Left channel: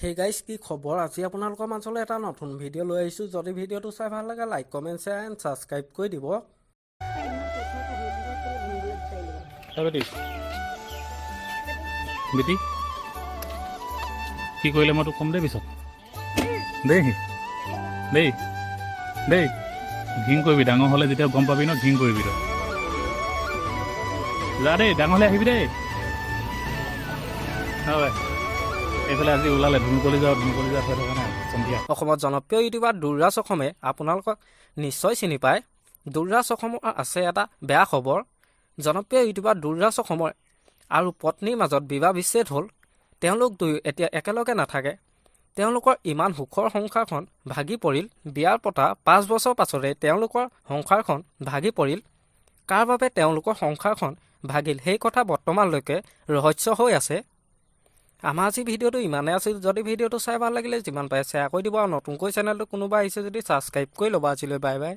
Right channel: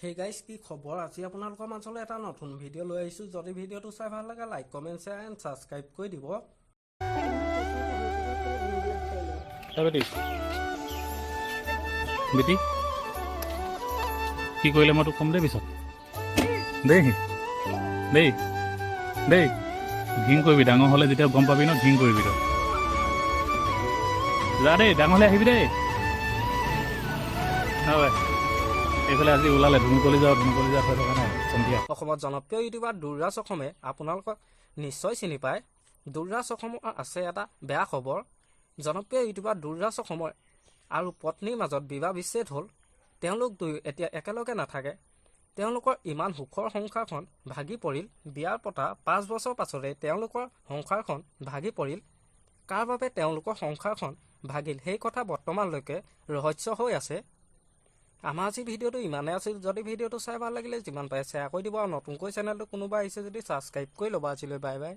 hey guys কি খবৰ আজি আপোনালোকৰ মাজলৈ এটা নতুন ভিডিঅ' লৈ আহিছোঁ যদি ভিডিঅ'টো চাই ভাল লাগে like comment share and subscribe কৰি দিব বেটি কি কৰিলে মই তোক কম দেই পিছত দেই দেই দেই ঘিং কৰিবি ডাঙৰ হ'লে যেতিয়া গম পাবি ন ঘিং কৰিবি তই যা দেই ডাঙৰ হ'লে আহিবি দেই হয় এইফালে আজি ওলালে ধুনুকলি যাওঁ হৈ থকা নাই সন্ধিয়া অসমত জনপ্ৰিয় ইউটিউবাৰ দুৰ্ৰাজ অসমে আপোনালোকক নিশ্চয় চিনি পায় দুৰ্ৰাজ অসমৰ আছে এটা বেয়া খবৰ জনপ্ৰিয় ইউটিউবাৰ দুৰ্ৰাজ অসমৰ আৰু পত্নীৰ মাজত বিবাহ বিচ্ছেদ হ'ল তেওঁলোক দুয়ো এতিয়া একেলগে নাথাকে তেওঁলোকৰ ইমান সুখৰ সংসাৰখন ভাগি পৰিল বিয়াৰ পতা 5 বছৰ পাছতে তেওঁলোকৰ সংসাৰখন ভাগি পৰিল কাৰ বাবে তেওঁলোকৰ সংসাৰখন ভাগিল সেই কথা বৰ্তমানলৈকে ৰহস্য হৈ আছে আমাৰ আজি ভিডিঅ'টো ইমানে আছিল যদি ভিডিঅ'টো চাই ভাল লাগিলে যিমান পাৰে শ্বেয়াৰ কৰি দিব আৰু নতুনকৈ চেনেলটো কোনোবা আহিছে যদি ছাবস্ক্ৰাইব কৰি ল'ব আজিলৈ বাই বাই